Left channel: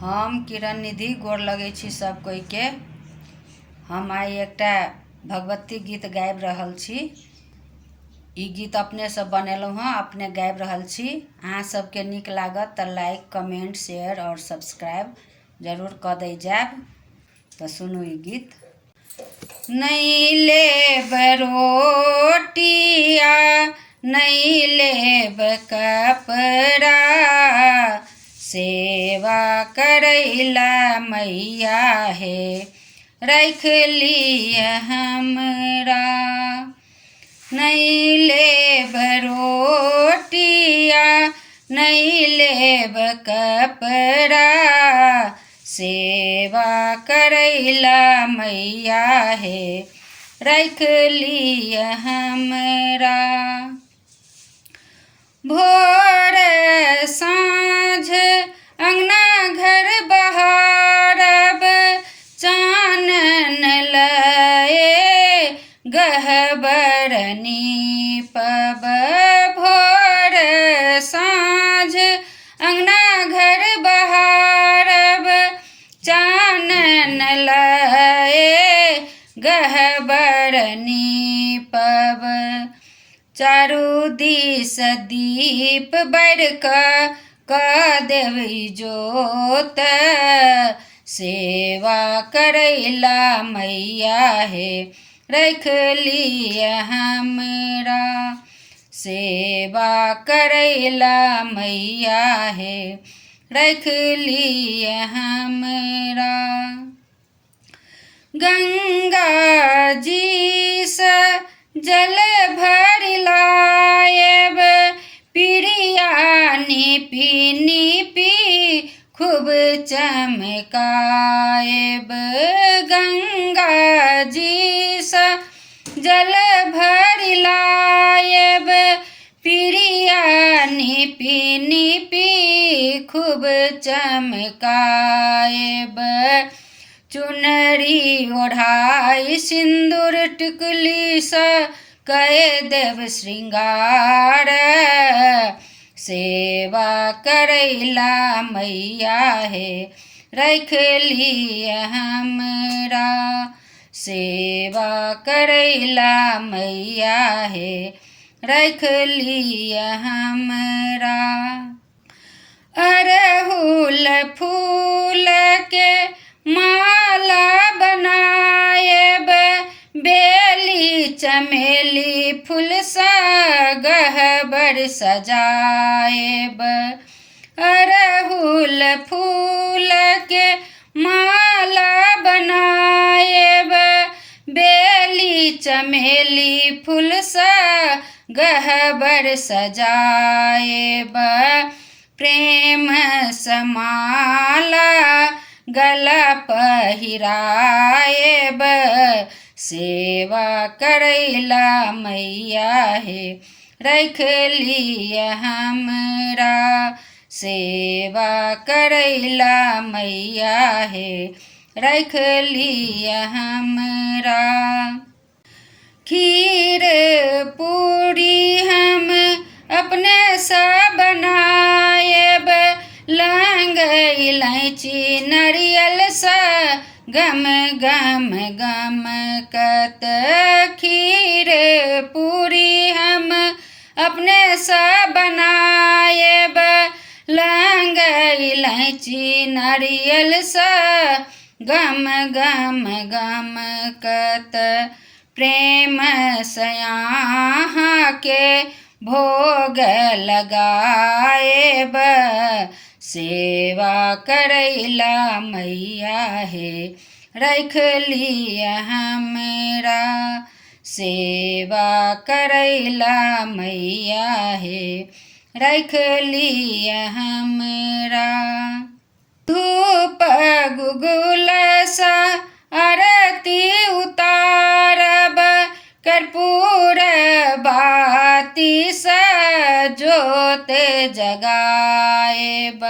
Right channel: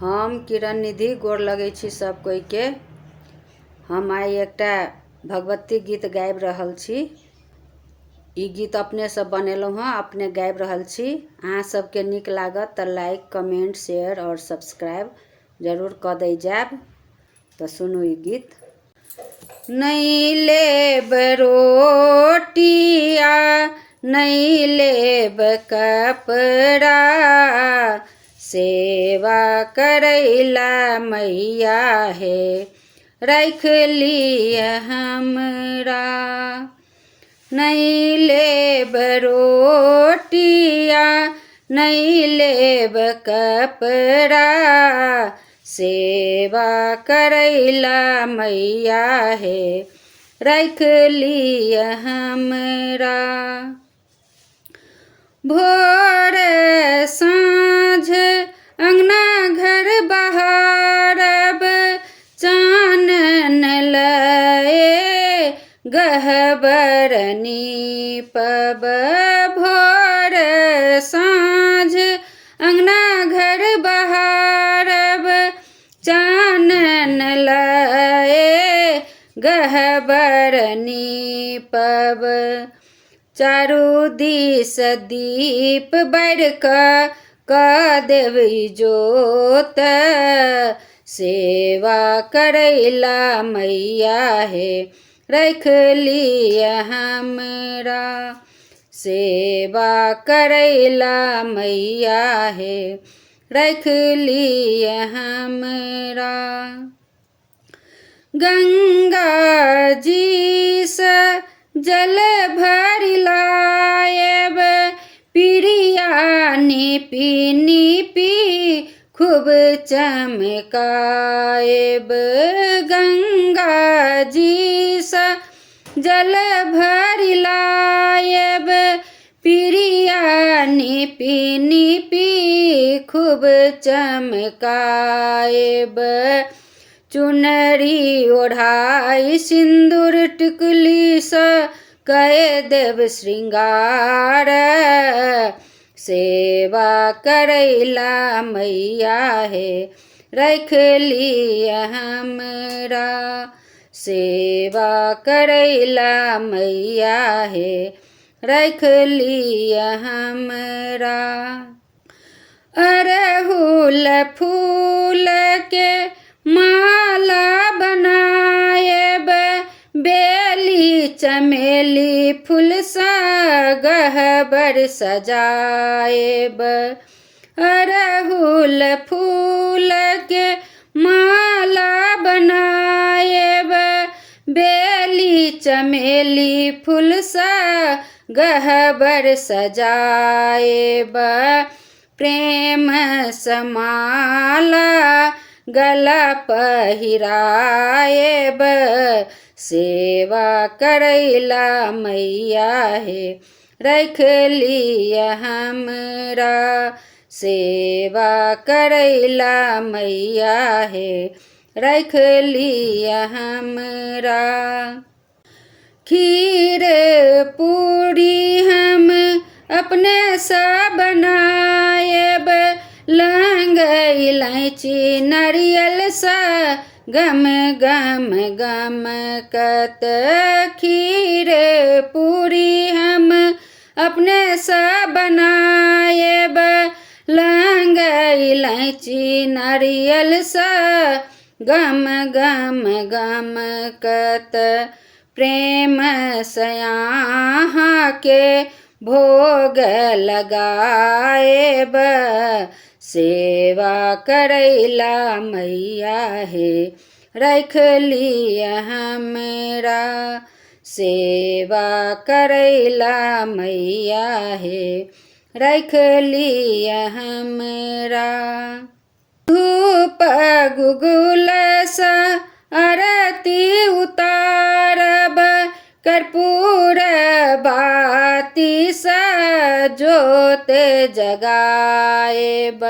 हम किरण निधि गोर लगै छी सब कोई के। हम आइ एकटा भगवती गीत गाबि रहल छी। ई गीत अपने से बनेलहुँ हँ, अपने गाबि रहल छी। अहाँ सबके नीक लागत तऽ लाइक, कमेंट, शेयर और सब्सक्राइब जरूर कऽ दै जायब। तऽ सुनू ई गीत। नहीं लेब रोटिया, नहीं लेब कपड़ा, सेवा करैला मैया हे रख लिय हमरा। नहीं लेब रोटिया, नहीं लेब कपड़ा, सेवा करैला मैया हे रख लिय हमरा। भोर साँझ अंगना घर बहारब, चानन लए गहबर नीपब। भोर साँझ अंगना घर बहारब, चानन लए गहबर नीपब। चारू दिस दीप बैर कऽ देवी जोत, सेवा करैला मैया हे रख लिय हमरा। सेवा करैला मैया हे रख लिय हमरा। गंगा जी से जल भर लायब, पिड़िया नीपी नीपी खूब चमकायब। गंगा जी से जल भर लायब, पिड़िया नीपी नीपी खूब चमकायब। चुनरी ओढ़ाई सिंदूर टिकुली सँ कए देव श्रृंगार, सेवा करैला मैया हे रख लिय हमरा। सेवा करैला मैया हे रख लिय हमरा। अरहुल फूल के माला बनायब, बेली चमेली फूल सा गहबर सजायब। अरहुल फूल के माला बनायब, बेली चमेली फूल सा गहबर सजायब। प्रेम समाला गला पहिरायब, सेवा करैला मैया हे रख लिय हमरा। सेवा करैला मैया हे रख लिय हमरा। खीर पूरी हम अपने सा बनायब, लौंग इलायची नारियल सा गम गम गमकत। खीर पूरी हम अपने सा बनायब, लौंग इलायची नारियल सा गम गम गमकत। प्रेम सयाहा के भोग लगायब, सेवा करैला मैया हे रख लिय हमरा। सेवा करैला मैया हे रख लिय हमरा। धूप गुगुल सा आरती उतारब, कर्पूर बाती सा जोत जगायब।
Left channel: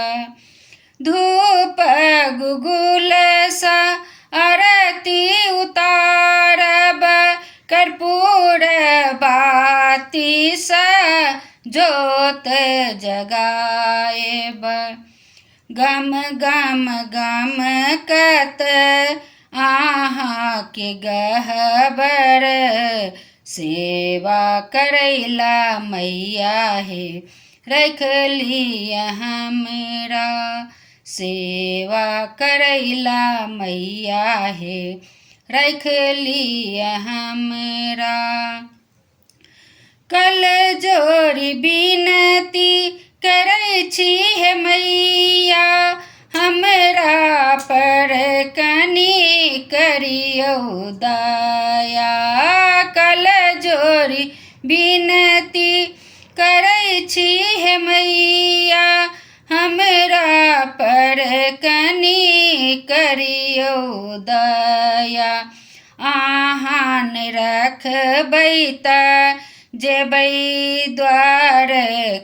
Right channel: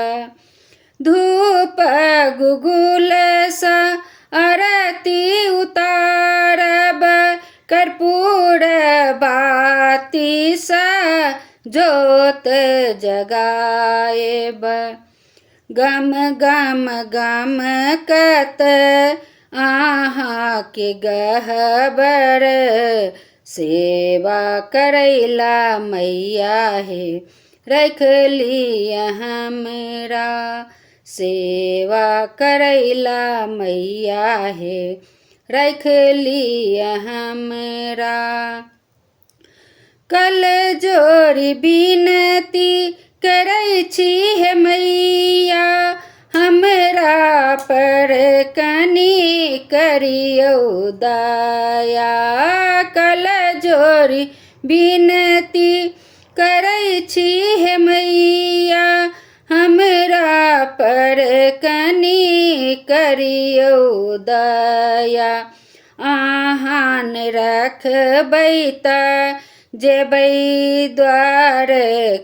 धूप गुगुल सा आरती उतारब, कर्पूर बाती सा जोत जगायब। गम गम गम कत आहा के गहबर सेवा करैला मैया हे रख लिया हमरा सेवा करैला मैया हे रख लिया हमरा कल जोड़ी बिनती करै छी हे मैया हमरा पर कनी करियौ दया कल जोड़ी बिनती करै छी हे मैया हमरा पर कनी करियौ दया आहान रखबै त जेबै द्वार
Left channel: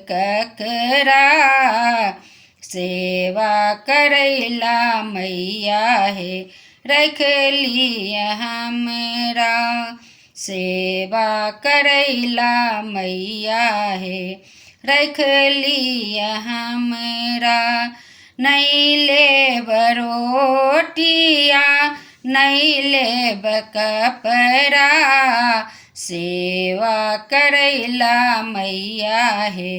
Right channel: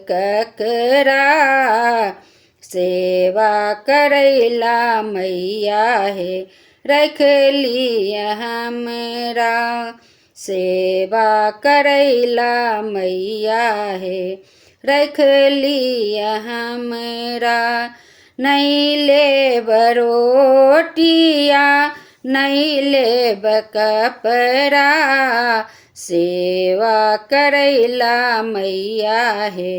ककरा सेवा करैला मैया हे रख लिया हमरा सेवा करैला मैया हे रख लिया हमरा नहीं लेब रोटिया नहीं लेब कपड़ा सेवा करैला मैया हे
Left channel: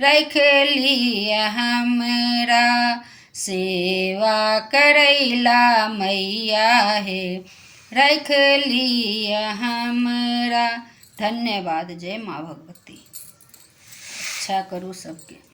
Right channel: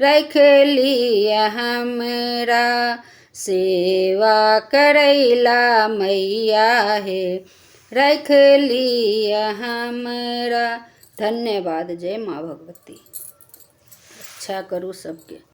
रख लिया हमरा सेवा करैला मैया हे रख लिया हमरा। धन्यवाद। जय माँ भगवती। अच्छा करूँ सबके।